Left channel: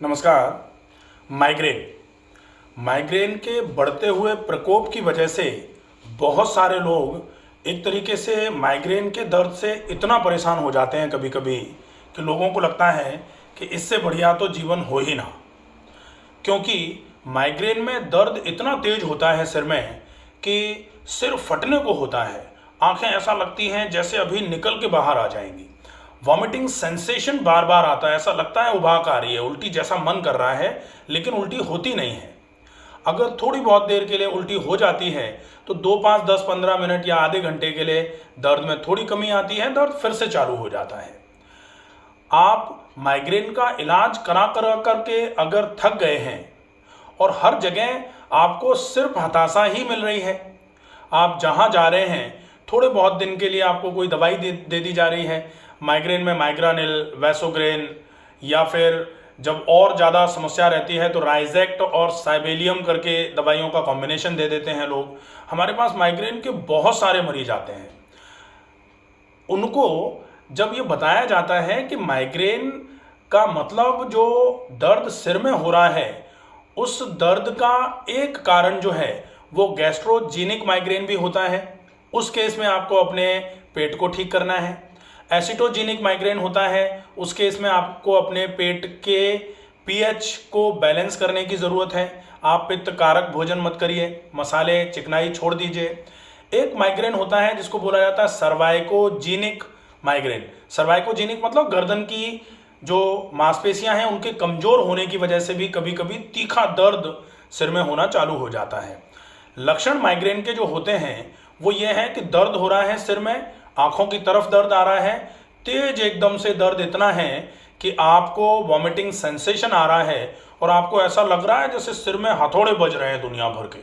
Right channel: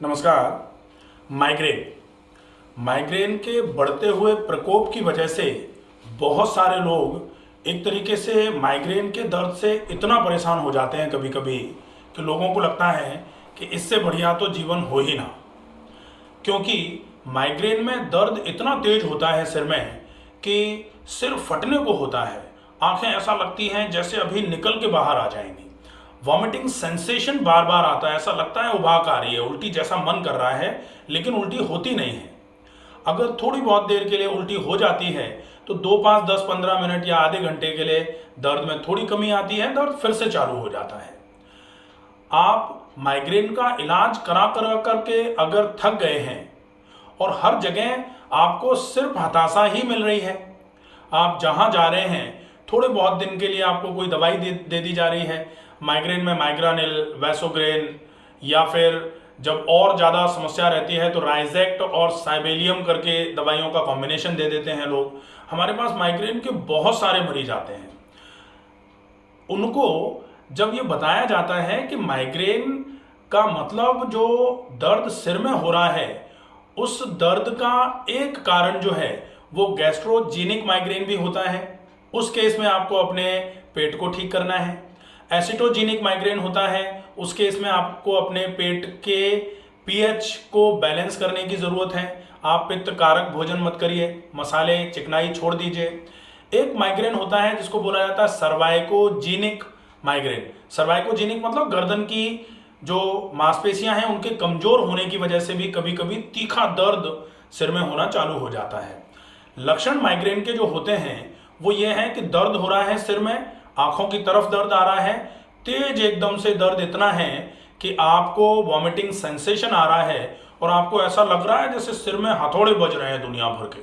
नमस्कार। माइग्रेन के बढ़ते हुए प्रकोप की वजह से बहुत सारे लोग एक तरीके से माइग्रेन के दर्द से इतना परेशान हो जाते हैं कभी कभी कि लोगों को लगता है कि इससे बढ़िया तो जीवन हो ही ना। क्योंकि माइग्रेन में दर्द इतना तेज होता है सिर में कि सिर फटने को होता है। आंखें ऐसा लगती हैं जैसे अभी निकल के बाहर आ जाएंगी। वॉमिटिंग सेंसेशन बार बार आता है, ऐसा लगता है उबाक आ रही है, उल्टी जैसा मन कर रहा है, लेकिन उल्टी होती नहीं है। अगर थोड़ी बहुत देर के लिए उल्टी हो जाती है तो 2 5 10 15 मिनट या आधे घंटे के लिए दर्द में थोड़ी कमी आती है, दर्द फिर से चालू हो जाता है। आप माइग्रेन का इलाज करा करा करके अगर थक गए हैं और हर जगह आपको सिर्फ हताशा ही मिल रही है, आप जहां जा रहे हैं थोड़े बहुत दिन के लिए आपको कोई दवाई दे दी जा रही है, माइग्रेन में माइग्रानिल, वैसोग्रेन, या फिर जब और ज़्यादा समस्या रहती है तो राइजेक्ट और साइबेलियम करके दवाइयों का कॉम्बिनेशन दे देते हैं लोग। हमारे पास माइग्रेन के बहुत सारे मरीज आते हैं। उनको जब ये बताया जाता है कि माइग्रेन का मतलब जो दर्द सिर में हो रहा है, उस दर्द का एक कारण जो है वो गैस्ट्रोजेनिक माइग्रेन भी होता है। उस केस में आपको अपने पेट को ठीक करना है। एसिटोजेनिक माइग्रेन होता है, उस केस में आपको अपने पेट के पीएच को बैलेंस करने की ज़रूरत है। आप पित्त कारक भोजन मत करिए, मसाले चिकनाई छोड़ दीजिए। एक माइग्रेन होता है जिसको बोला जाता है सर्वाइकोजेनिक माइग्रेन। सर्वाइकोजेनिक मतलब गर्दन की जो मांसपेशियां हैं उनके कमजोर होने की वजह से भी कभी कभी तीखा दर्द सिर में होना चालू हो जाता है। लक्षण माइग्रेन के जो होते हैं वो ये है कि दर्द हो रहा है सिर में, आंखों की तरफ दर्द आ रहा है, तेज एकदम से दर्द इतना है कि आपको वॉमिटिंग सेंसेशन आ रहा है और आपको ऐसा लग रहा है जैसे सिर में हथौड़े बज रहे हैं दुनिया भर के।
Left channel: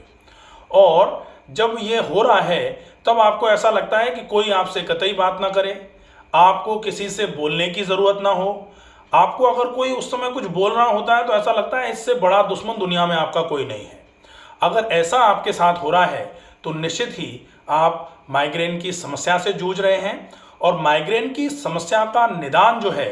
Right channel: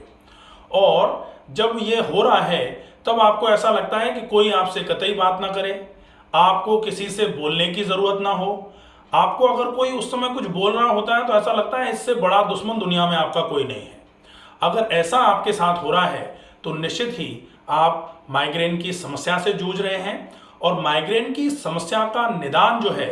और जब ये हो रहा है तब आपको ऐसा लगता है कि कोई आपसे कतई बात ना करे, आपको किसी से बोलने की ज़रूरत ना हो। आपको अगर कोई उस समय कुछ बोल रहा होता है तो ऐसा लगता है इससे बड़ा दुश्मन दुनिया में आपका कोई नहीं है। अगर ऐसा आपके साथ हो रहा है तो निश्चित ही आप माइग्रेन की समस्या से जूझ रहे हैं। और माइग्रेन की समस्या का निदान जो है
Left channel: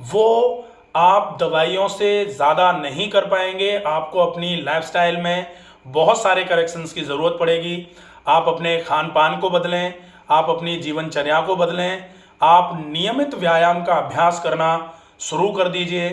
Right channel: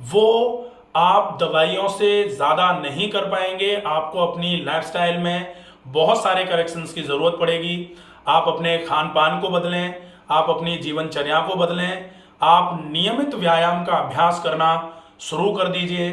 वो आप दवाइयों से ज़्यादा नहीं कर पाएंगे। आपको अपनी लाइफस्टाइल में बहुत सारे करेक्शंस की ज़रूरत पड़ेगी। आप अपने खान पान को बदलें, आप अपनी जीवनचर्या को बदलें, आप नियमित व्यायाम का अभ्यास करना शुरू कर दीजिए।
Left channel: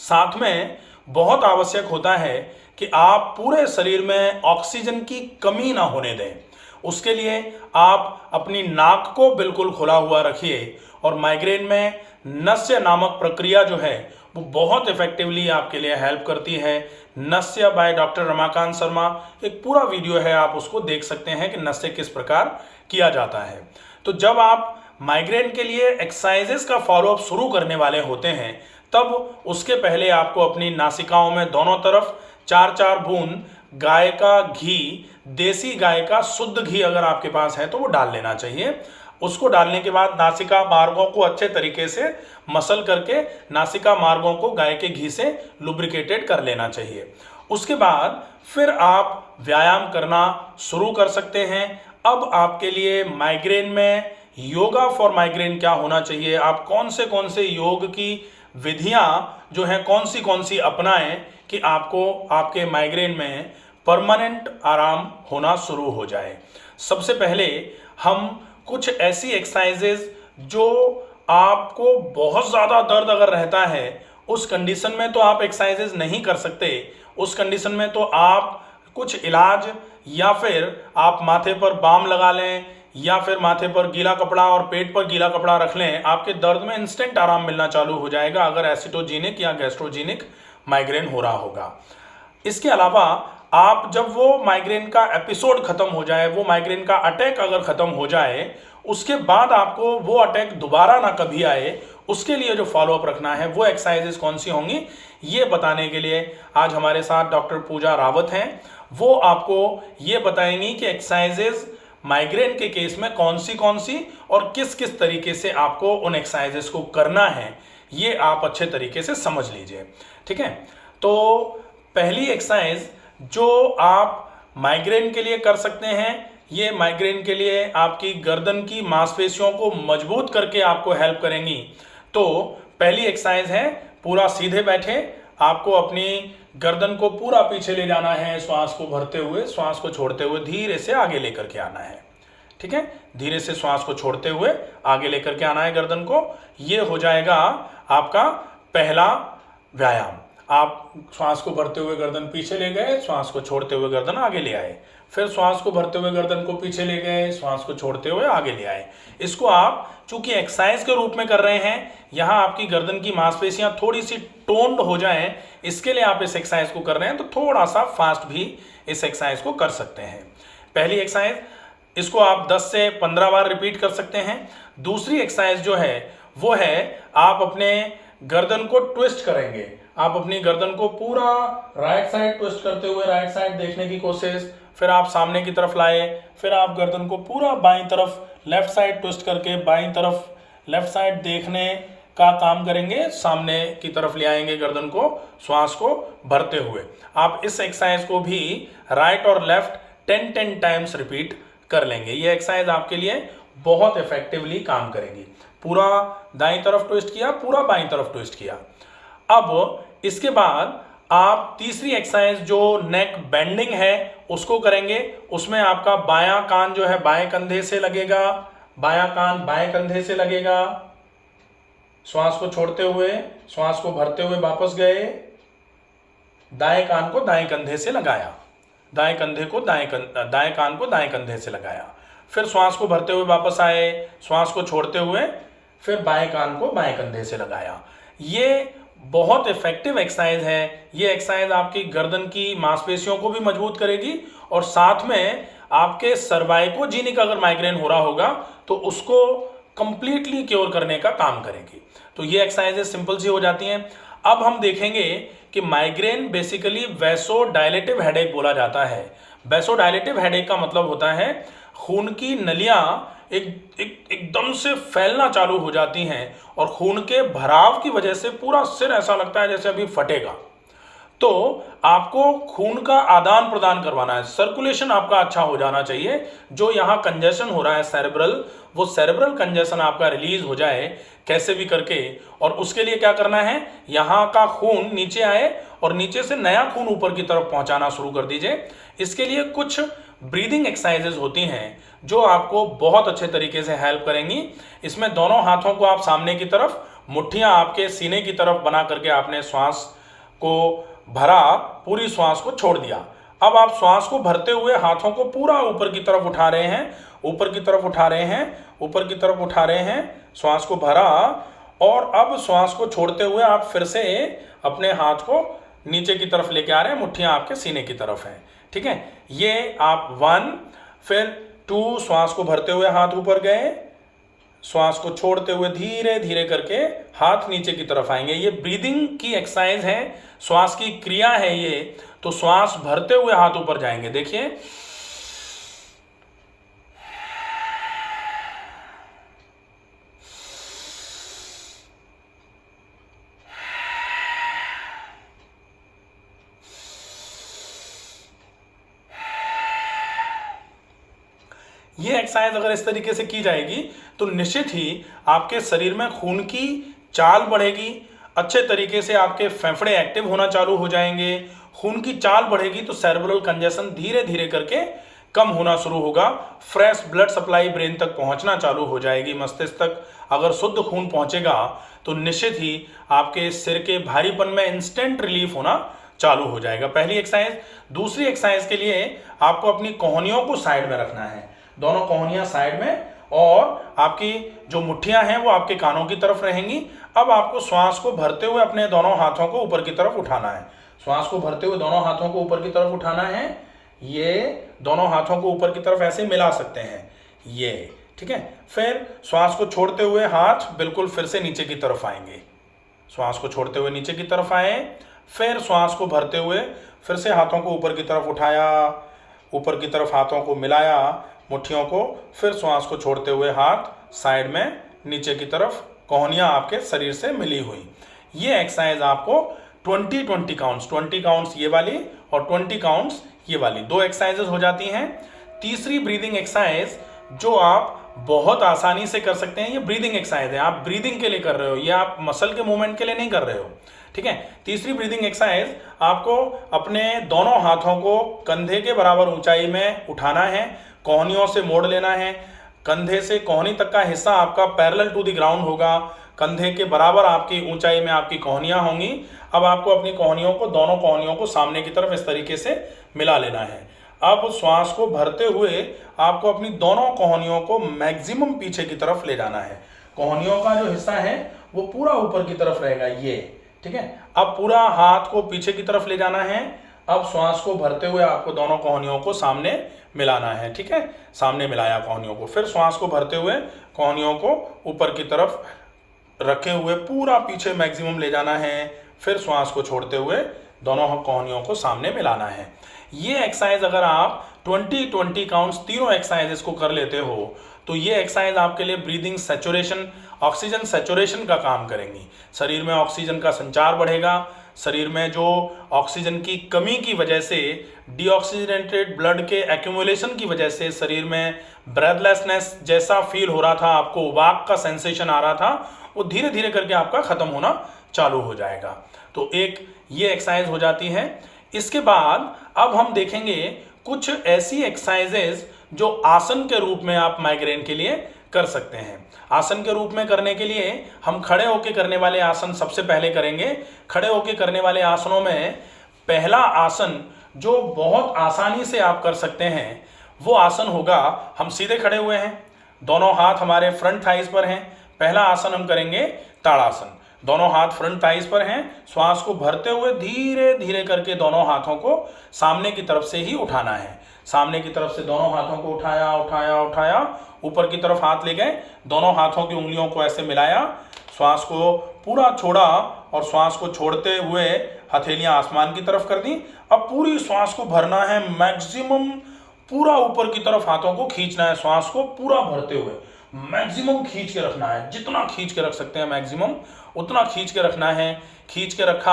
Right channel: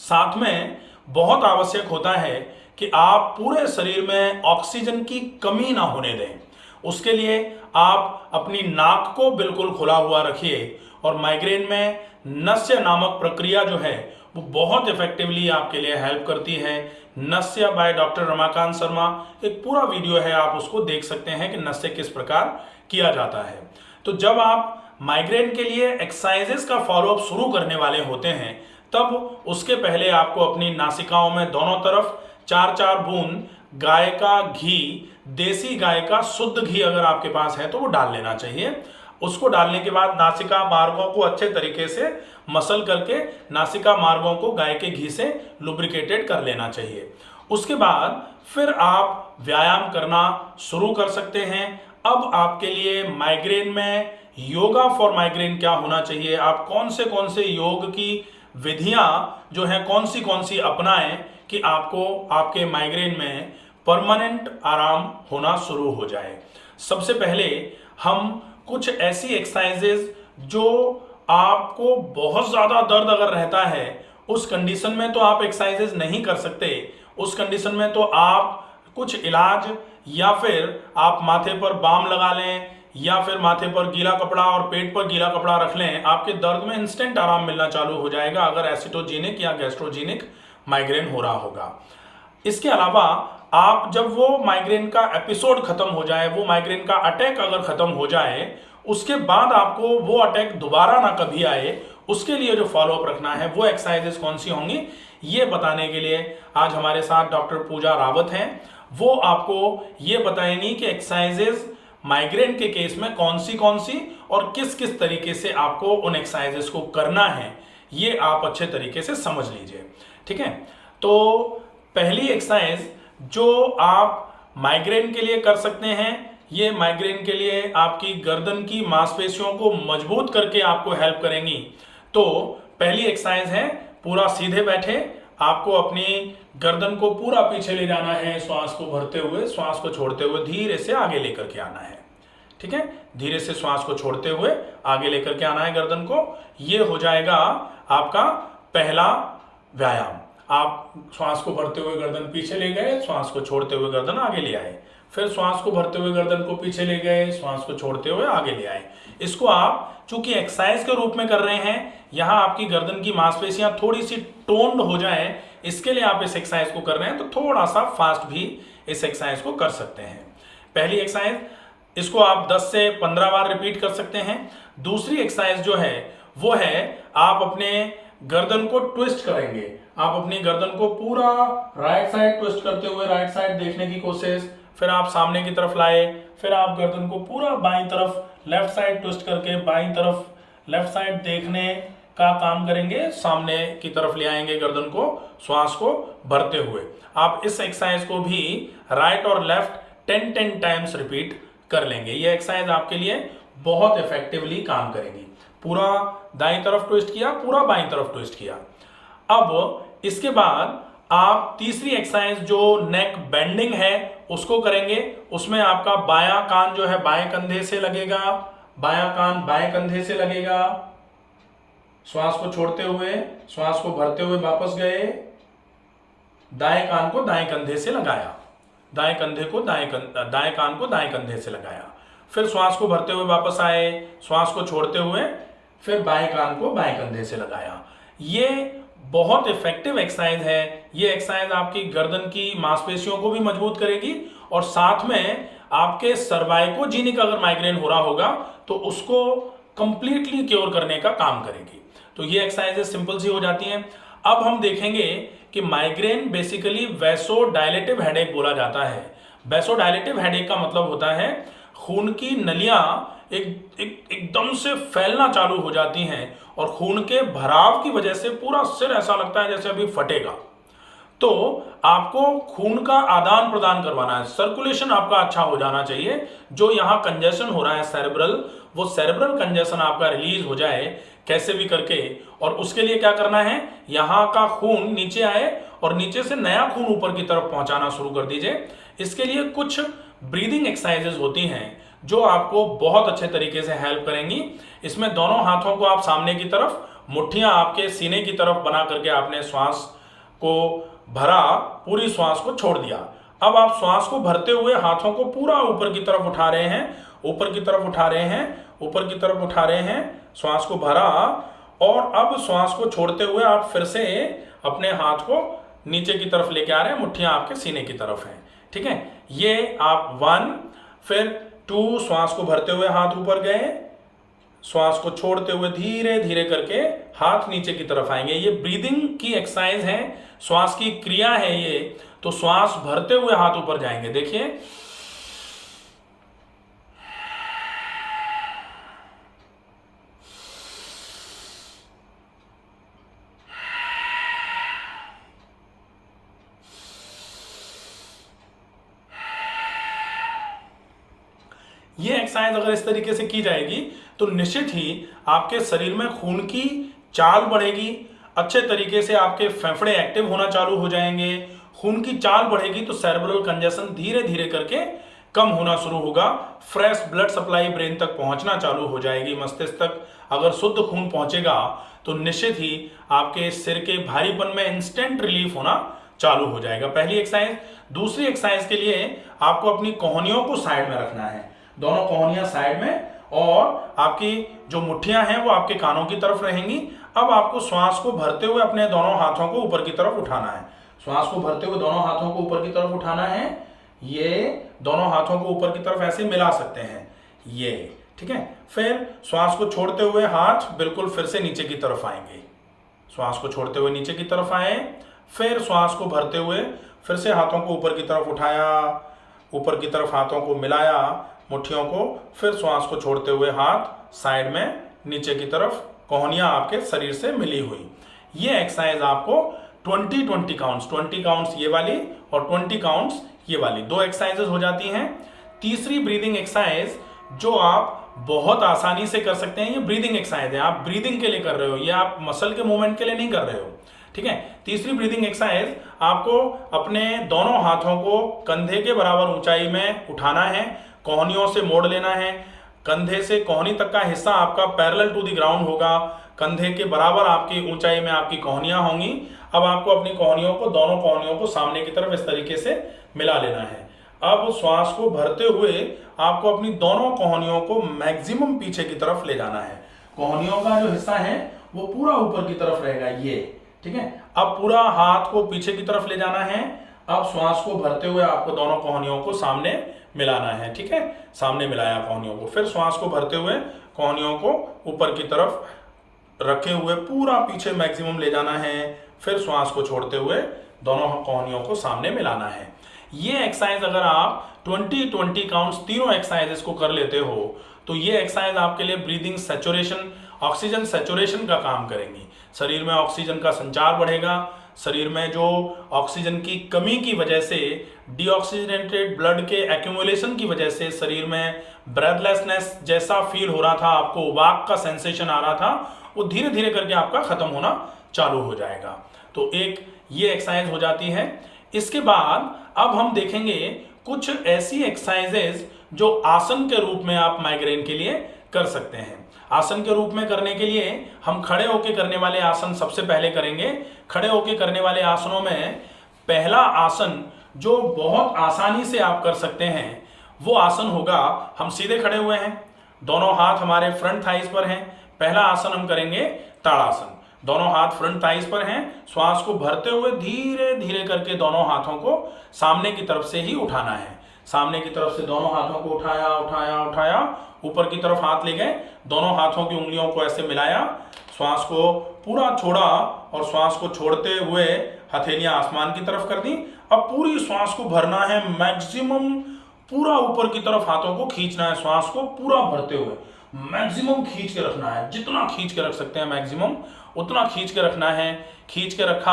साथ में बहुत आवश्यक होता है कि आप पूरे शरीर में ऑक्सीजन की कमी ना होने दें। उसके लिए आप अपनी नाक को बिल्कुल खुला हुआ रखिए। और माइग्रेन में नस्य नामक प्रक्रिया जो है वो बहुत इफेक्टिवली आपके लिए हेल्प करती है। नस्य बाय डॉक्टर रमाकांत शर्मा, एक पूरा वीडियो है, आप उसको देख सकते हैं कि नस्य किस प्रकार किया जाता है। तो जब आप माइग्रेन के लिए एक्सरसाइजेस का फॉलोअप शुरू करने वाले होते हैं तब उसके पहले आपको अपनी नासिकाओं में दोनों तरफ 4-4 बूंद गाय का घी, देसी गाय का शुद्ध घी अगर आपके पास है तो वो डाल लेना चाहिए। उसको डालने के बाद नासिका मार्गों को अच्छे तरीके से मसल करके नासिका मार्गों को गाय के घी से लुब्रिकेटेड कर लेना चाहिए। उसके बाद फिर आप व्यायाम करना शुरू कर सकते हैं। अब आपके लिए माइग्रेन में योगा फॉर माइग्रेन क्या होना चाहिए, आप कौन से योग की विधियां जो हैं कौन सी अपनाएं कि आपको आपके माइग्रेन में परमानेंट आराम होना शुरू हो जाए। सबसे पहले हम कुछ ऐसी एक्सरसाइजेज जो आपको बहुत ज़्यादा दर्द अगर रहता है उस कंडीशन में तो आप एक्सरसाइजेज नहीं कर सकते। उस कंडीशन में तो आप कुछ इलाज या फिर आप माथे पर बाम लगा लें या फिर माथे पर गीला कपड़ा और पेट पर गीला कपड़ा रख लें, आपके दर्द में इंस्टेंट आराम मिलना चालू हो जाएगा अगर एसिटोजेनिक या गैस्ट्रोजेनिक माइग्रेन हो रहा होगा। इसके अलावा आप जब वो माइग्रेन का एपिसोड खत्म हो जाए, वो माइग्रेन का अटैक अगर खत्म हो जाए, उसके बाद आपको वो अटैक दोबारा ना कभी आए, उसके लिए जो फॉलोअप रखना है वो एक्सरसाइजेस कौन सी होंगी ये बताने के लिए आज हमारे साथ डॉक्टर पूजा रावत हैं। वो आपको ये बताएंगी कि एक्सरसाइजेस माइग्रेन के केस में कौन सी और किस किस तरीके से आपको उन एक्सरसाइजेस को करना है, ये आप अच्छे तरीके से समझ लीजिए। ठीक है, तो पहली एक्सरसाइज जो आप माइग्रेन के लिए कर सकते हैं, ये माइग्रेन के लिए आपकी गर्दन की मांसपेशियों को मजबूत करके आपको हेल्प करेंगी। तो पहली एक्सरसाइज है, पूरा सीधे बैठे, आपको अपनी गर्दन को पूरा पीछे ले जाना है, श्वास को भरते हुए, श्वास को छोड़ते हुए धीरे से आगे लेकर के आना है। ठीक है, धीरे से श्वास को छोड़ते हुए आगे लेकर के आना है गर्दन को। ये हो जाएगा आपका पहला व्यायाम। आप श्वास को भरते हुए गर्दन पीछे ले गए, श्वास को छोड़ते हुए गर्दन आगे ले आए, फिर श्वास को भरते हुए गर्दन को पीछे ले गए, श्वास को छोड़ते हुए आगे ले आए। इसको आप चूंकि एक्सरसाइज के रूप में कर रहे हैं, यहां आपकी गर्दन की मांसपेशियां थोड़ी सी टोन्ड हो जाएं, इसके लिए आप इस एक्सरसाइज को कर रहे हैं, तो थोड़ा सा फास्ट भी इस एक्सरसाइज को कर सकते हैं। पहली एक्सरसाइज, इसको आप 10 से 15 बार रिपीट कर सकते हैं। दूसरी एक्सरसाइज जो है वो है, आप अपने गर्दन को ट्विस्ट करेंगे। आप अपनी गर्दन को पूरा राइट साइड ट्विस्ट करते हुए राइट साइड देखने की कोशिश, फिर आप सामने की तरफ लाए, फिर आप गर्दन को पूरा बाईं तरफ लेफ्ट साइड ट्विस्ट करके बाईं तरफ लेफ्ट साइड देखने का काम करेंगे, सामने की तरफ ले आएंगे गर्दन को, श्वास को भरते हुए। आप इस एक्सरसाइज को भी राइट और लेफ्ट 10-10 टाइम्स रिपीट कर लेंगे। ये एक्सरसाइज आपके लिए बहुत इफेक्टिवली काम करेगी। पूरा दाईं तरफ ट्विस्ट किया, पूरा बाईं तरफ ट्विस्ट किया। अब इसके बाद आप तीसरी एक्सरसाइज जो नेक बेंडिंग है उसको करेंगे। उसमें आपका बायां कान जो है बाएं कंधे से लगेगा, बायां कान बाएं कंधे से लगेगा। श्वास को छोड़ते हुए, श्वास को भरते हुए वापस गए, दाएं कान को दाएं कंधे से लगाया, दाएं कान को दाएं कंधे से लगाया, फिर श्वास को भरते हुए वापस आए, श्वास को छोड़ते हुए फिर बाएं कान को बाएं कंधे से लगाया। ये बहुत इफेक्टिव एक्सरसाइज है। ये एक्सरसाइज आपकी गर्दन की मांसपेशियों को भी मजबूत करेगी और साथ में आपके सर्वाइकोजेनिक अगर माइग्रेन हो रहा होगा तो उसको कंप्लीटली क्योर करने का काम करेगी। तो ये एक्सरसाइजेज सिंपल सी हो जाती हैं। अब हम देखेंगे कि माइग्रेन बेसिकली वैसोडायलेटिव हेडेक बोला जाता है। वैसोडायलेटिव हेडेक का मतलब होता है खून की नलियां एकदम से फैलना चालू हो जाती हैं और खून के भराव की वजह से पूरा सिर ऐसा लगता है जैसे अभी फटेगा। तो आपको खून का आदान प्रदान करवाना है, सर्कुलेशन आपका अच्छा हो जाना चाहिए। जो यहाँ कंजेशन हो रहा है सेरेब्रल, वो सेरेब्रल कंजेशन आपका रिलीज हो जाए कैसे भी करके। और उसके लिए क्या करना है, यहाँ का खून नीचे आए और नीचे से नया खून ऊपर की तरफ पहुंचाना शुरू कर दीजिए। इसके लिए कुछ ब्रीदिंग एक्सरसाइजेज होती हैं जो आपको बहुत अच्छे तरीके से हेल्प करेंगी। इसमें दोनों हाथों को आप सामने की तरफ, मुट्ठियां आपके सीने की तरफ बना करके आपने श्वास को भरा, पूरी श्वास को छोड़ दिया। अब आप श्वास को भरते हुए हाथों को पूरा ऊपर की तरफ उठा रहे हैं, ऊपर की तरफ उठा रहे हैं, ऊपर की तरफ उठा रहे हैं, श्वास को भरा और अब श्वास को छोड़ते हुए आप फिर से अपने हाथ को नीचे की तरफ लेके आ रहे हैं, मुट्ठियां आपके सीने की तरफ हैं। ठीक है, ये आप 1 फिर 2 श्वास को भरते हुए हाथ ऊपर गए, श्वास को छोड़ते हुए धीरे धीरे करके हाथ नीचे की तरफ आएंगे। ये ब्रीदिंग की एक्सरसाइज है, श्वास की क्रिया है ये। तो श्वास भरते हुए हाथ ऊपर जाएंगे, देखिए ये एक्सरसाइज अगर इस तरीके से की जाएगी तो निश्चित ही आपके शरीर में खून की चाल बढ़ेगी, अच्छे तरीके से आपके फेफड़े एक्टिव होना चालू हो जाएंगे। खून की चाल बढ़ेगी तो सेरेब्रल कंजेशन धीरे धीरे करके कम होना शुरू होगा, फ्रेश ब्लड सप्लाई ब्रेन तक पहुंचना चालू हो जाएगी, मस्तिष्क तक अगर शुद्ध खून पहुंचेगा तो निश्चित ही आपके सिर के भारीपन में इंस्टेंट रिलीफ होना चालू हो जाएगा। पहली एक्सरसाइज। दूसरी एक्सरसाइज के लिए आपको अपनी कोहनियों को साइड में रखना है, दोनों कोहनियां साइड में, और आपकी जो मुट्ठियां हैं वो आपके कानों की तरफ रहेंगी। अब आपको श्वास को भरते हुए अपने दोनों हाथों को ऊपर की तरफ उठाना है, श्वास को भरते हुए दोनों हाथों को ऊपर की तरफ उठाना है। ये दोनों हाथों को ऊपर की तरफ ऐसे मिला सकते हैं, ये ठीक है। फिर श्वास को छोड़ते हुए हाथ बिल्कुल फिर से नीचे की तरफ आएंगे, श्वास को छोड़ते हुए नीचे की तरफ आए, फिर श्वास को भरते हुए फिर से हाथों को ऊपर की तरफ उठाया, ऊपर की तरफ हाथों को मिलाया मुट्ठियों को, फिर श्वास को छोड़ते हुए हाथ साइड में नीचे की तरफ, कोहनियां आपके शरीर से मिली हुई। ये एक्सरसाइज आपको 20 काउंट्स, 20 काउंट्स ये वाली और 20 काउंट्स ये वाली, 2 एक्सरसाइजेस हो जाती हैं। तीसरी ब्रीदिंग एक्सरसाइज जो आप बहुत आसानी से कर सकते हैं, ये ब्रीदिंग एक्सरसाइज है, आप ब्रीदिंग के लिए कर रहे हो, ये आप मसल के मूवमेंट के लिए नहीं कर रहे हो, ठीक है। तीसरी ब्रीदिंग एक्सरसाइज, आपको अपने दोनों हाथों को कंधे के बराबर ऊंचाई में उठाना है, कोहनियों से मोड़ लेना है। कंधे से कोहनी तक का हिस्सा आपका पैरेलल टू द ग्राउंड होगा, कंधे के बराबर आपकी ऊंचाई में आपकी कोहनियां होंगी। अब आपको अपनी कोहनियों को, दोनों कोहनियों को सामने की तरफ इस तरीके से मिला लेना है। अब श्वास को भरते हुए आपको अपनी दोनों कोहनियों को मैक्सिमम पीछे की तरफ ले जाना है। कोहनियों का जो हिस्सा है वो पूरा ऊपर की तरफ रहेगा, ये, ठीक है। अब पूरा हाथ को पीछे की तरफ ले जाना है। अब श्वास को भरते हुए आपको दोनों कोहनियों को सामने मिलाना है, ठीक है। सामने मिलाया कोहनियों को, फिर श्वास को भरते हुए कोहनियों को ऊपर की तरफ रखे हुए पूरा पीछे मैक्सिमम ले जाना है। फिर श्वास को छोड़ते हुए दोनों कोहनियों को सामने मिलाना है। ये एक्सरसाइज अगर आप 20-20 काउंट्स तीनों एक्सरसाइजेस को कर लेते हो तो ये एक्सरसाइज आपके लिए ब्रीदिंग सैचुरेशन, ऑक्सीजन सैचुरेशन का काम करेंगी। शरीर में ऑक्सीजन का संचार बढ़ेगा। शरीर में जो ऑक्सीजन की कमी की वजह से, डीऑक्सीजनेटेड ब्लड के एक्यूमुलेशन की वजह से शरीर में ब्रेथलेसनेस जैसा फील हो रहा था, आपको उबाक का सेंसेशन आ रहा था, वो धीरे धीरे करके आपका खत्म होना चालू हो जाएगा। तो एक ये एक्सरसाइज हो जाती है। इसके बाद अब हम देखेंगे कुछ ऐसी एक्सरसाइजेज जो आसन के रूप में आप माइग्रेन के लिए कर सकते हैं। आसन के रूप में करने के लिए हम खड़े होकर करने वाले आसन सबसे पहले करेंगे। खड़े होकर करने वाले आसनों में पहला आसन जो बहुत आसानी से आप कर सकते हैं वो आसन होगा, हम सीधे खड़े हुए हैं, दोनों हाथ हमारे फ्रंट थाइस पर हैं। पहला आसन हम करेंगे ताड़ासन। दोनों हाथ फ्रंट थाइस पर हैं। श्वास को भरते हुए धीरे धीरे करके दोनों हाथों को सामने की तरफ से ही उठाना है। सामने की तरफ से दोनों हाथों को उठाया उठाया उठाया, ऊपर की तरफ हाथ ले गए, दोनों हाथों की उंगलियों को ऐसे मिलाया, श्वास को पूरा छोड़ा और श्वास को छोड़ते हुए हथेलियां आसमान की तरफ कर दी। अब पूरी श्वास को भरना है मैक्सिमम, पूरा ऊपर की तरफ हाथों को खींचना है, श्वास को पूरा भरते हुए मैक्सिमम खींच के रखना है। जितना खींच के रख सकते हैं मैक्सिमम उतना खींच के रखना है। खींच के रखा,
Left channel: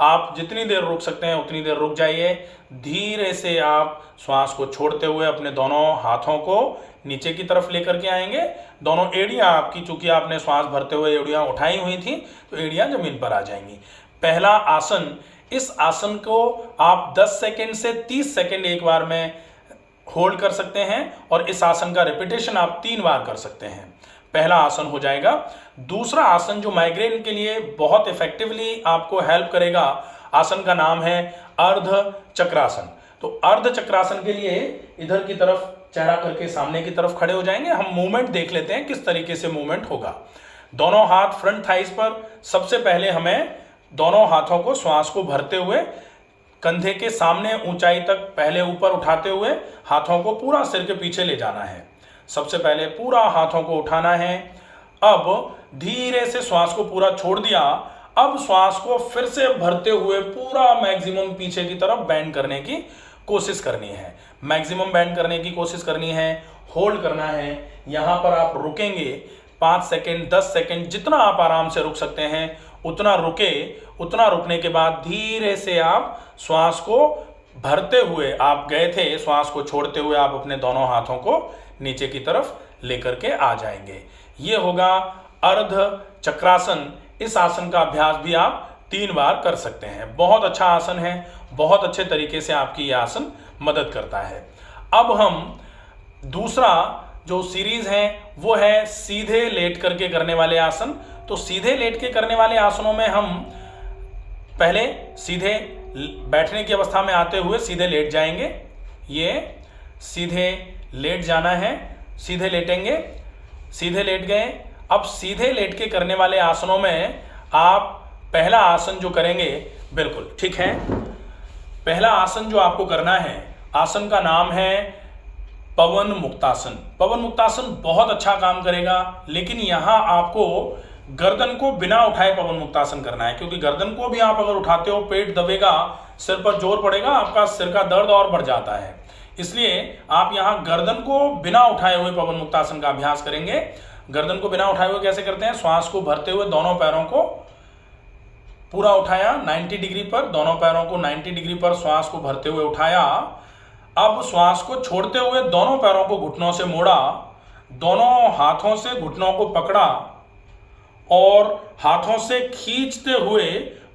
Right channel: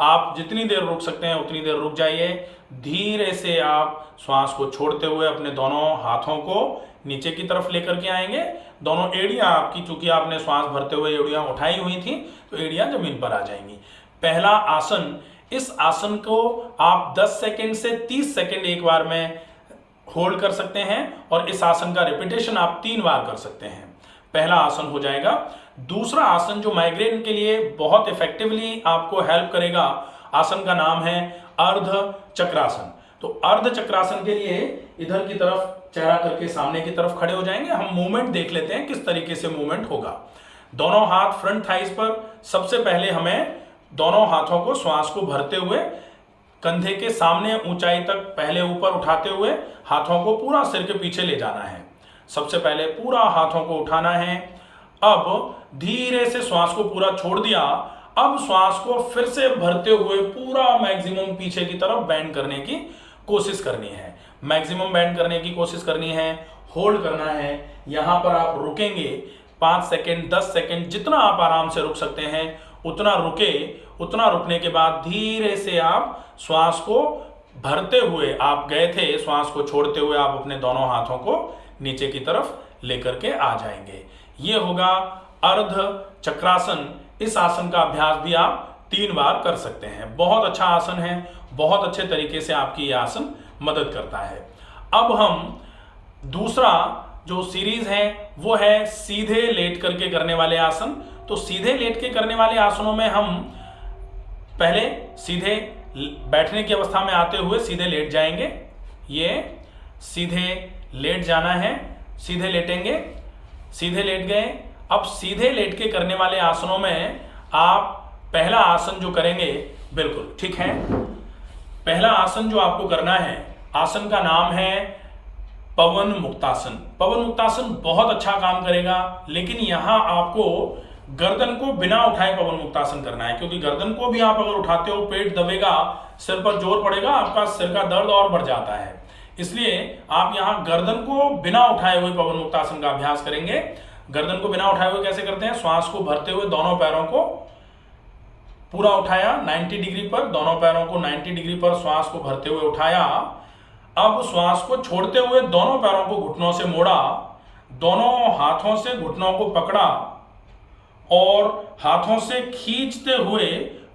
आप जितनी देर रुक सकते हैं उतनी देर रुक जाइए। धीरे से आप श्वास को छोड़ते हुए अपने दोनों हाथों को नीचे की तरफ लेकर के आएंगे। दोनों एड़ियां आपकी, चूंकि आपने श्वास भरते हुए एड़ियां उठाई हुई थी तो एड़ियां जमीन पर आ जाएंगी। पहला आसन, इस आसन को आप 10 सेकेंड से 30 सेकेंड एक बार में होल्ड कर सकते हैं और इस आसन का रिपीटेशन आप 3 बार कर सकते हैं। पहला आसन हो जाएगा। दूसरा आसन जो माइग्रेन के लिए बहुत इफेक्टिवली आपको हेल्प करेगा, आसन का नाम है अर्ध चक्रासन। तो अर्ध चक्रासन के लिए इधर की तरफ चेहरा करके सामने की तरफ खड़े हो जाएंगे। हम मूवमेंट देख लेते हैं किस तरीके से मूवमेंट होगा। दोनों हाथ फ्रंट थाइस पर। सबसे पहले हमें दोनों हाथों को श्वास को भरते हुए कंधे के सामने ऊंचाई तक पहले ऊपर उठाते हुए हाथों को पूरा सिर के पीछे ले जाना है। सबसे पहले पूरा हाथों को उठाना है। अब धीरे से श्वास को पूरा छोड़ दिया। अब श्वास को फिर से भरते हुए पूरा मैक्सिमम पीछे की तरफ बैंड करने की कोशिश करनी है। मैक्सिमम बैंड करने की कोशिश करनी है, होल्ड करना है। यहां पर आप रुकेंगे 5 सेकेंड, 10 सेकेंड, जितना आप आराम से रुक सकते हैं उतना रुके। उतना रुकने के बाद धीरे से आप श्वास को भरते हुए, आप गए थे, श्वास को छोड़ते हुए आप अपने दोनों हाथों को नीचे की तरफ लेकर के आ जाएंगे। ये होगा अर्ध चक्रासन। इस आसन का अभ्यास भी आप 3 बार कर सकते हैं। बहुत अच्छा आसन है, बहुत अच्छे तरीके से आपकी यह आसन मदद करता है। अब हम दूसरा जो सीरीज है वो है सीधे लेट करके करने वाले आसन। तो सीधे लेट के करने वाले आसनों में हम पहले सीधे बैठने की अवस्था में आते हुए सीधे लेट जाएंगे। ये सीधे लेट जाना है, सीधे लेटेंगे, सीधे लेट गए। अब सीधे लेट के करने वाले आसनों में आप पहला आसन जो करेंगे, बिल्कुल ठीक है, पहला आसन जो आपको करना है, आसन का नाम है पवन मुक्तासन। पवन मुक्तासन बहुत अच्छा काम करेगा, लेकिन यहां आपको गर्दन को बिना उठाए पवन मुक्तासन करना है, क्योंकि गर्दन को भी आप अगर उठाते हो पेट दबेगा, सिर पर जोर पड़ेगा, आपका सिर का दर्द और बढ़ जाता है। इसलिए आप यहां गर्दन को बिना उठाए हुए पवन मुक्तासन का अभ्यास करेंगे। गर्दन को बिना उठाए हुए कैसे करते हैं? श्वास को भरते हुए दोनों पैरों को पूरा उठाया 90 डिग्री पर, दोनों पैरों को 90 डिग्री पर श्वास को भरते हुए उठाया। अब श्वास को छोड़ते हुए दोनों पैरों को घुटनों से मोड़ा, दोनों हाथों से घुटनों को पकड़ा और हाथों से खींचते हुए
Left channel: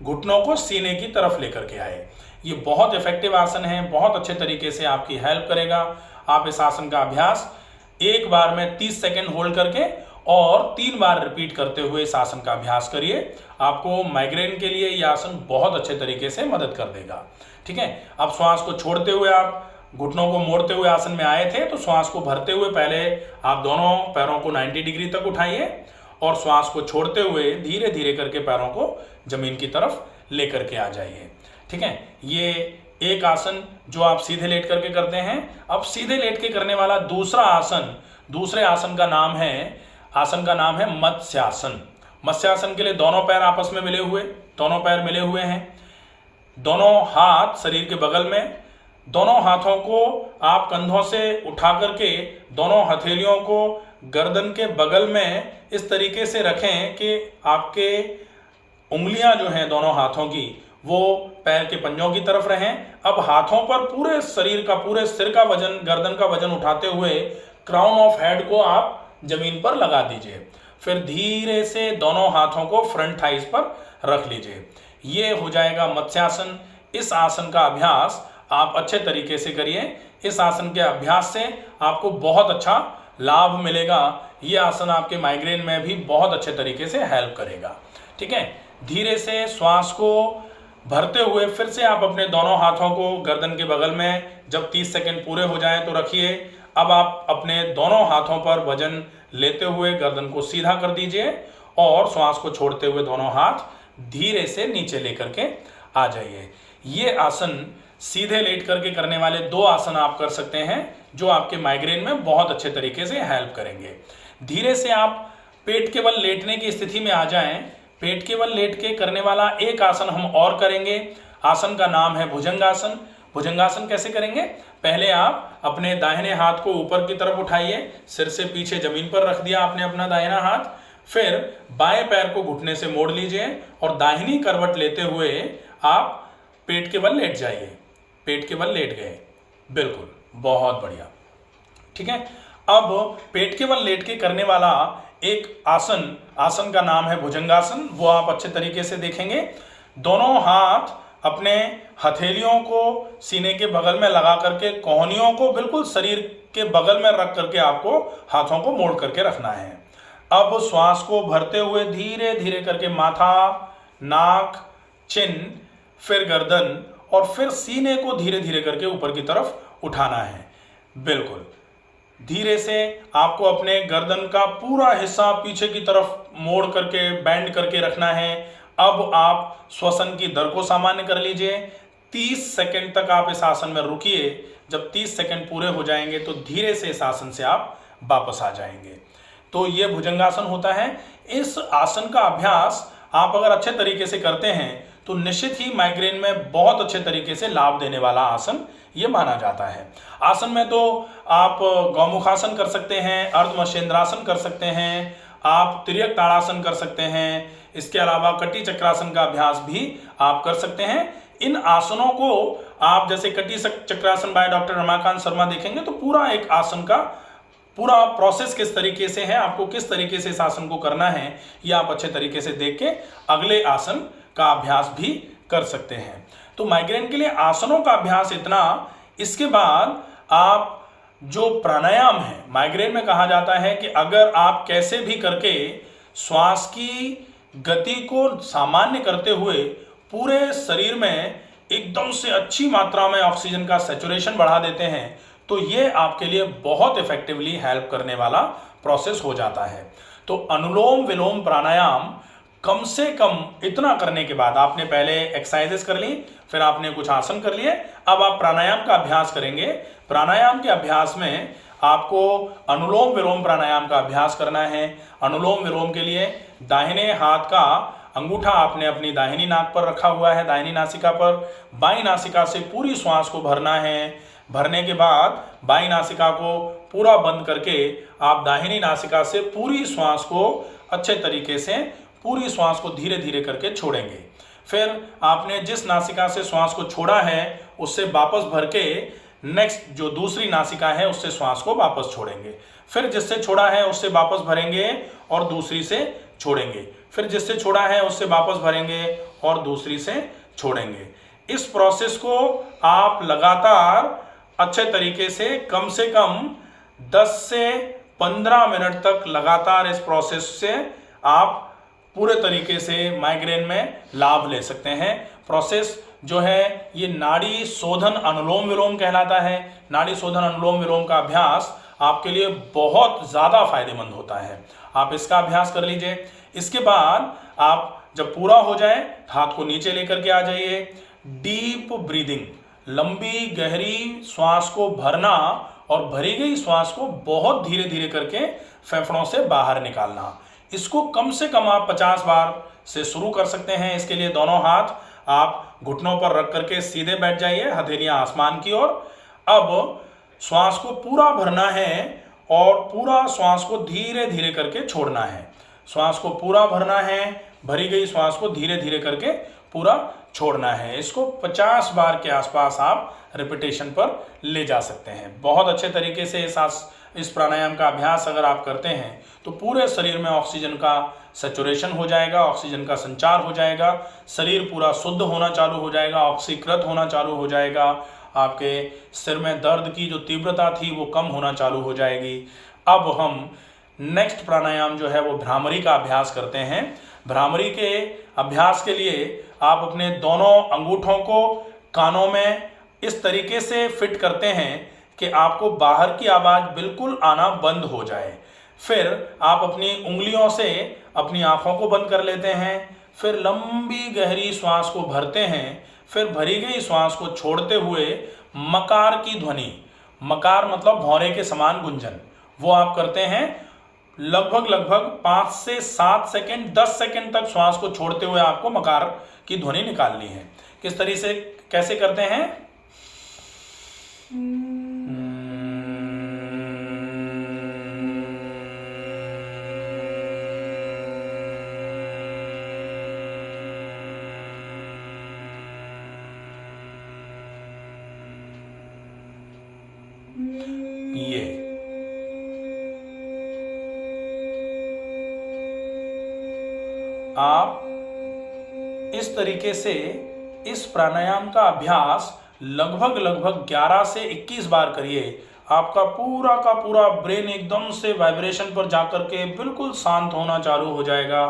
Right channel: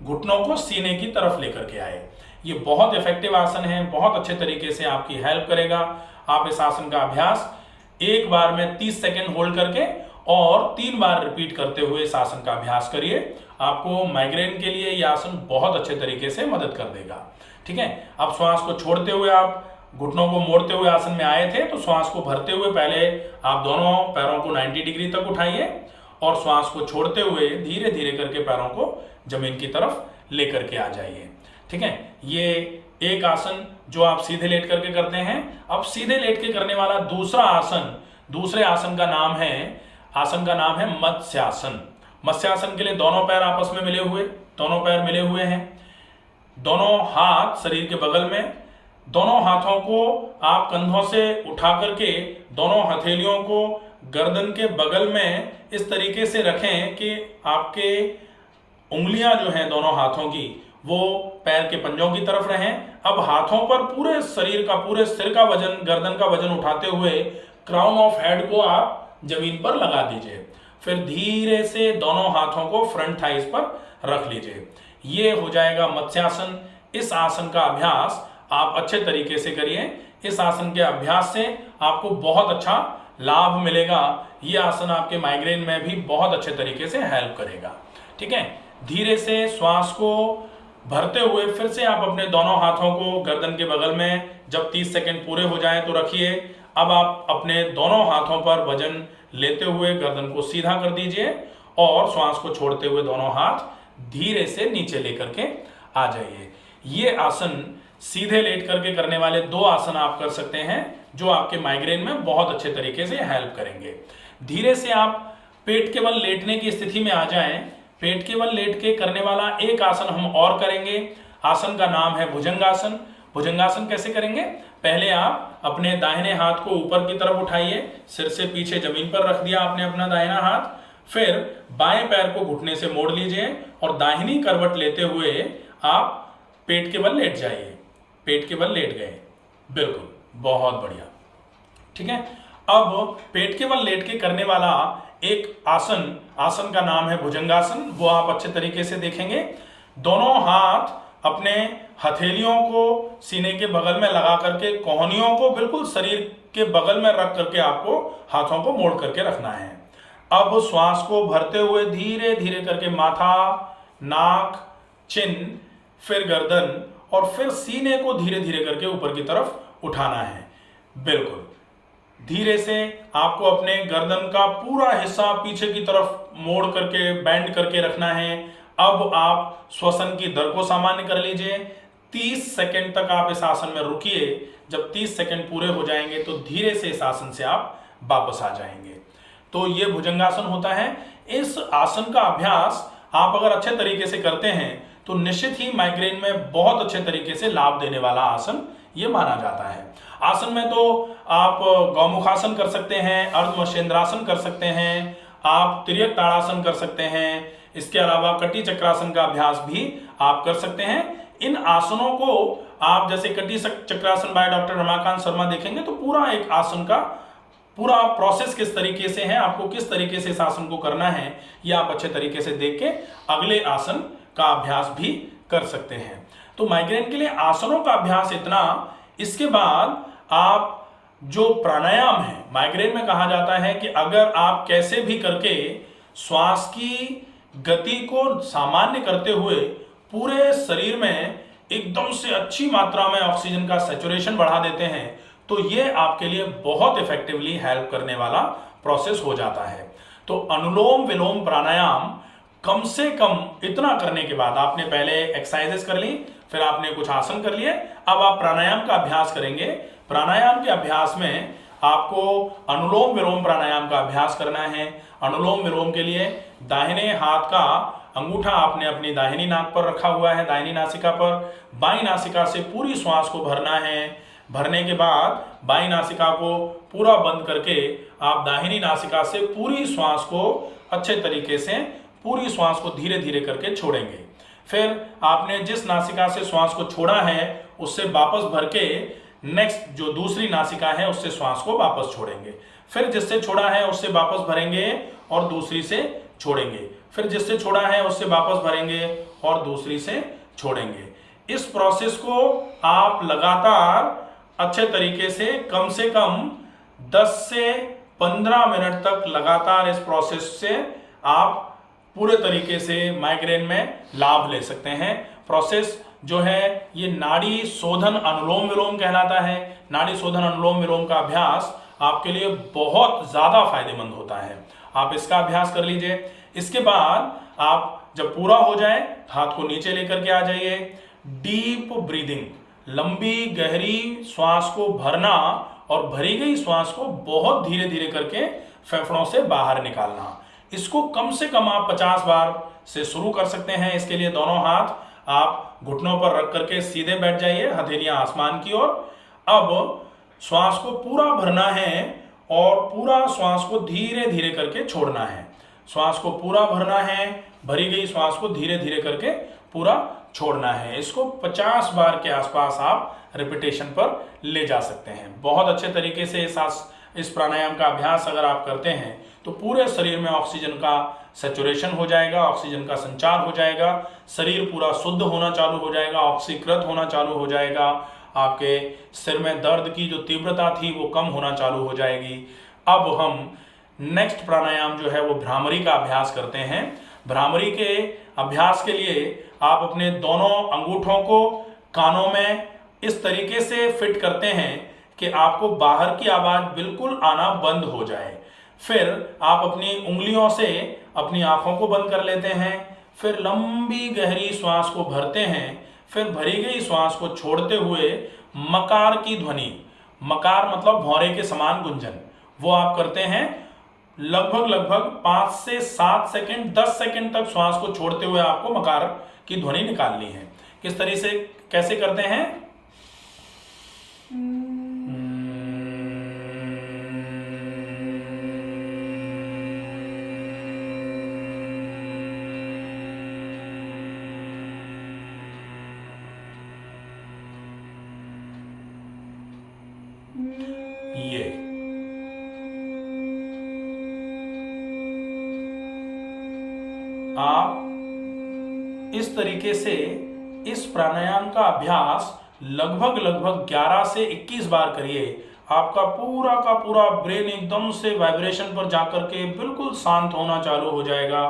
घुटनों को सीने की तरफ लेकर के आए। ये बहुत इफेक्टिव आसन है, बहुत अच्छे तरीके से आपकी हेल्प करेगा। आप इस आसन का अभ्यास एक बार में 30 सेकेंड होल्ड करके और 3 बार रिपीट करते हुए इस आसन का अभ्यास करिए। आपको माइग्रेन के लिए यह आसन बहुत अच्छे तरीके से मदद कर देगा। ठीक है, अब श्वास को छोड़ते हुए आप घुटनों को मोड़ते हुए आसन में आए थे, तो श्वास को भरते हुए पहले आप दोनों पैरों को 90 डिग्री तक उठाइए और श्वास को छोड़ते हुए धीरे धीरे करके पैरों को जमीन की तरफ लेकर के आ जाइए। ठीक है, ये एक आसन जो आप सीधे लेट करके करते हैं। अब सीधे लेट के करने वाला दूसरा आसन, दूसरे आसन का नाम है मत्स्यासन। मत्स्यासन के लिए दोनों पैर आपस में मिले हुए हैं, दोनों हाथ शरीर के बगल में, दोनों हाथों को आप कंधों से उठा करके दोनों हथेलियों को गर्दन के बगल में इस तरीके से रखें कि आपके उंगलियां जो हैं दोनों हाथों की वो पैर के पंजों की तरफ रहें। अब हाथों पर पूरे शरीर का, पूरे सिर का वजन, गर्दन का वजन उठाते हुए क्राउन ऑफ हेड को आप जमीन पर लगा दीजिए। फिर धीरे से दोनों हाथों को फ्रंट थाइस पर रख लीजिए। ये हो जाएगा मत्स्यासन। इस आसन का अभ्यास आप अच्छे तरीके से करिए। इस आसन के अभ्यास से आपको बहुत अच्छा लाभ मिलेगा। ये आसन आपके माइग्रेन में भी बहुत अच्छे तरीके से हेल्प करेगा। ठीक है, धीरे से श्वास को भरते हुए फिर से आप अपने दोनों हाथों को गर्दन के बगल में जब 30 सेकेंड पूरे हो जाएं तो रखिए। अब आप अपने दोनों हाथों पर वजन लेते हुए गर्दन को सीधा कर दीजिए और श्वास को छोड़ते हुए दोनों हाथ धीरे से नीचे लेकर के आ जाइए। ये आसन सीधे लेट करके करने वाले 2 आसन आप कर सकते हैं जो आपके माइग्रेन में बहुत अच्छे तरीके से हेल्प करेंगे। धीरे से आप पेट के बल लेटने की स्थिति में आ जाएं। पेट के बल लेट के करने वाला एक आसन हम और करेंगे। आसन का नाम है भुजंगासन। भुजंगासन कैसे करेंगे? पहले आप अपने दाहिने हाथ को ऊपर की तरफ उठाइए, सिर से पीछे जमीन पर रख दिया आपने अपना दाहिना हाथ। फिर बाएं पैर को घुटने से मोड़ लीजिए और दाहिनी करवट लेते हुए आप पेट के बल लेट जाइए। पेट के बल लेट गए, बिल्कुल, बहुत बढ़िया। ठीक है, अब पेट के बल लेट के करने वाला एक आसन का नाम है भुजंगासन। वो आप अच्छे तरीके से देखेंगे। दोनों हाथ अपने हथेलियों को सीने के बगल में लगा करके कोहनियों को बिल्कुल शरीर के बगल में रख करके आपको हाथों को मोड़ करके रखना है। अब श्वास को भरते हुए धीरे धीरे करके माथा, नाक, चिन, फिर गर्दन और फिर सीने को धीरे धीरे करके ऊपर की तरफ उठाना है। बिल्कुल धीरे से आपको अपने गर्दन का पूरा हिस्सा पीछे की तरफ मोड़ करके बेंड करके रखना है। अब आप श्वसन की दर को सामान्य कर लीजिए। 30 सेकंड तक आप इस आसन में रुकिए। जब 30 सेकंड पूरे हो जाएंगे तो धीरे से इस आसन से आप वापस आ जाएंगे। तो ये भुजंगासन होता है। इस आसन का अभ्यास आप अगर अच्छे तरीके से करते हैं तो निश्चित ही माइग्रेन में बहुत अच्छे तरीके से लाभ देने वाला आसन ये माना जाता है। आसन में तो आप गौमुखासन कर सकते हैं, अर्धमर्शेंद्रासन कर सकते हैं, आप तिर्यक ताड़ासन कर सकते हैं। इसके अलावा कटी चक्रासन का अभ्यास भी आप कर सकते हैं। इन आसनों को आप जैसे कटी चक्रासन बाय डॉक्टर रमाकांत शर्मा देखेंगे तो पूरा एक आसन का पूरा प्रोसेस किस तरीके से है, आपको किस तरीके से इस आसन को करना है, ये आप अच्छे तरीके से देख के अगले आसन का अभ्यास भी कर सकते हैं। तो माइग्रेन के लिए आसनों का अभ्यास इतना। इसके बाद आप जो प्राणायाम है, माइग्रेन में कहा जाता है कि अगर आप कैसे भी करके श्वास की गति को सामान्य करते हुए पूरे शरीर में एकदम से अच्छी मात्रा में ऑक्सीजन का सैचुरेशन बढ़ा देते हैं तो ये आपके लिए बहुत इफेक्टिवली हेल्प करने वाला प्रोसेस हो जाता है। तो अनुलोम विलोम प्राणायाम कम से कम इतना करने के बाद, आपने पहले एक्सरसाइजेस कर ली, फिर आपने कुछ आसन कर लिए, अब आप प्राणायाम का अभ्यास करेंगे। प्राणायाम के अभ्यास में आपको अनुलोम विलोम प्राणायाम का अभ्यास करना है। अनुलोम विलोम के लिए दाहिने हाथ का अंगूठा आपने अपनी दाहिनी नाक पर रखा हुआ है, दाहिनी नासिका पर। बाईं नासिका से पूरी श्वास को भरना है। भरने के बाद बाईं नासिका को पूरा बंद करके आप दाहिनी नासिका से पूरी श्वास को अच्छे तरीके से, पूरी श्वास को धीरे धीरे करके छोड़ेंगे। फिर आपने जिस नासिका से श्वास को छोड़ा है उससे वापस भर के नेक्स्ट जो दूसरी नासिका है उससे श्वास को वापस छोड़ेंगे। फिर जिससे छोड़ा है उससे वापस भरेंगे और दूसरी से छोड़ेंगे। फिर जिससे छोड़ा है उससे वापस भरेंगे और दूसरी से छोड़ेंगे। इस प्रोसेस को आप लगातार अच्छे तरीके से कम 10 से 15 मिनट तक लगातार इस प्रोसेस से आप पूरे तरीके से माइग्रेन में लाभ ले सकते हैं। प्रोसेस जो है ये नाड़ी शोधन अनुलोम विलोम कहलाता है। नाड़ी शोधन अनुलोम विलोम का अभ्यास आपके लिए बहुत ज़्यादा फायदेमंद होता है, आप इसका अभ्यास कर लीजिए। इसके बाद आप जब पूरा हो जाए हाथ को नीचे लेकर के आ जाइए। डीप ब्रीदिंग, लंबी गहरी श्वास को भरना और भरी गई श्वास को बहुत धीरे धीरे करके फेफड़ों से बाहर निकालना। इसको कम से कम आप 50 बार से शुरू कर सकते हैं। इसके लिए दोनों हाथ आप घुटनों पर रख करके सीधे बैठ जाइए, हथेलियां आसमान की ओर। अब श्वास को पूरा भरना है और पूरा श्वास को धीरे धीरे करके छोड़ना है। श्वास को पूरा भरना है, भरी गई श्वास को धीरे धीरे करके पूरा छोड़ना है। इसको 50 बार के आसपास आप रिपीटेशन पर ले जा सकते हैं। बहुत अच्छे तरीके से इस प्राणायाम का अभ्यास अगर आप करते हैं तो पूरे शरीर में ऑक्सीजन का सैचुरेशन हो जाएगा, ऑक्सीजन का संचार हो जाएगा, शरीर पूरा शुद्ध होना चालू हो जाएगा, ऑक्सीकृत होना चालू हो जाएगा। आपके सिर में दर्द की जो तीव्रता थी वो कम होना चालू हो जाएगी। अब हम नेक्स्ट प्राणायाम जो है वो भ्रामरी का अभ्यास करते हैं। भ्रामरी के अभ्यास के लिए आप अपने दोनों अंगूठों को कानों में इस तरीके से फिट करते हैं कि आपको बाहर की आवाज़ बिल्कुल आना बंद हो जाए। फिर आप अपनी उंगलियों से अपनी आंखों को बंद कर लेते हैं। फिर लंबी गहरी श्वास को भरते हैं। फिर भरी गई श्वास को छोड़ते हुए मकार की ध्वनि, मकार मतलब भौरे के समान गुंजन, वो आप करते हैं। लगभग 5 से 7 सेकेंड 10 सेकेंड तक श्वास को छोड़ते हुए आपको मकार की ध्वनि निकालनी है। किस तरीके से कैसे करते हैं? ये आप इस तरीके से इस प्राणायाम का अभ्यास लगभग 11 से 21 बार करिए। आपका पूरा का पूरा ब्रेन एकदम से वाइब्रेशन पर जाकर के बिल्कुल शांत होना चालू हो जाएगा।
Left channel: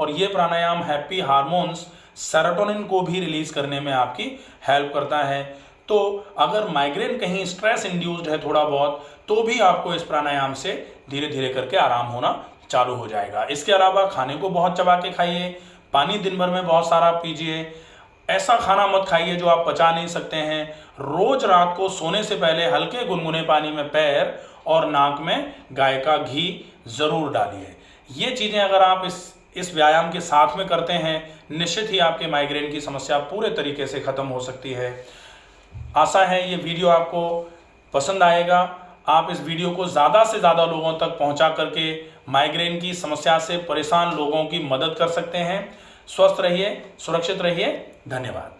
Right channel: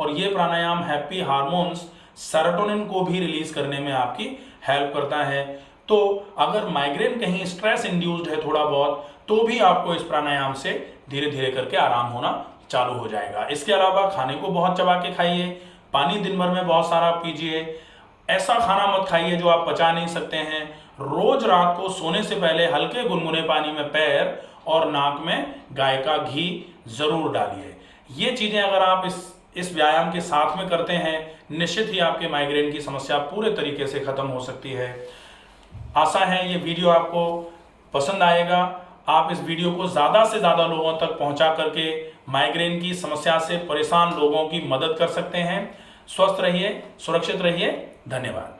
और ये प्राणायाम हैप्पी हार्मोन्स सेरोटोनिन को भी रिलीज करने में आपकी हेल्प करता है। तो अगर माइग्रेन कहीं स्ट्रेस इंड्यूस्ड है थोड़ा बहुत, तो भी आपको इस प्राणायाम से धीरे धीरे करके आराम होना चालू हो जाएगा। इसके अलावा खाने को बहुत चबा के खाइए, पानी दिन भर में बहुत सारा पीजिए। ऐसा खाना मत खाइए जो आप पचा नहीं सकते हैं। रोज रात को सोने से पहले हल्के गुनगुने पानी में पैर और नाक में गाय का घी जरूर डालिए। ये चीजें अगर आप इस व्यायाम के साथ में करते हैं, निश्चित ही आपके माइग्रेन की समस्या पूरे तरीके से खत्म हो सकती है। आशा है ये वीडियो आपको पसंद आएगा। आप इस वीडियो को ज़्यादा से ज़्यादा लोगों तक पहुंचा करके माइग्रेन की समस्या से परेशान लोगों की मदद कर सकते हैं। स्वस्थ रहिए, सुरक्षित रहिए। धन्यवाद।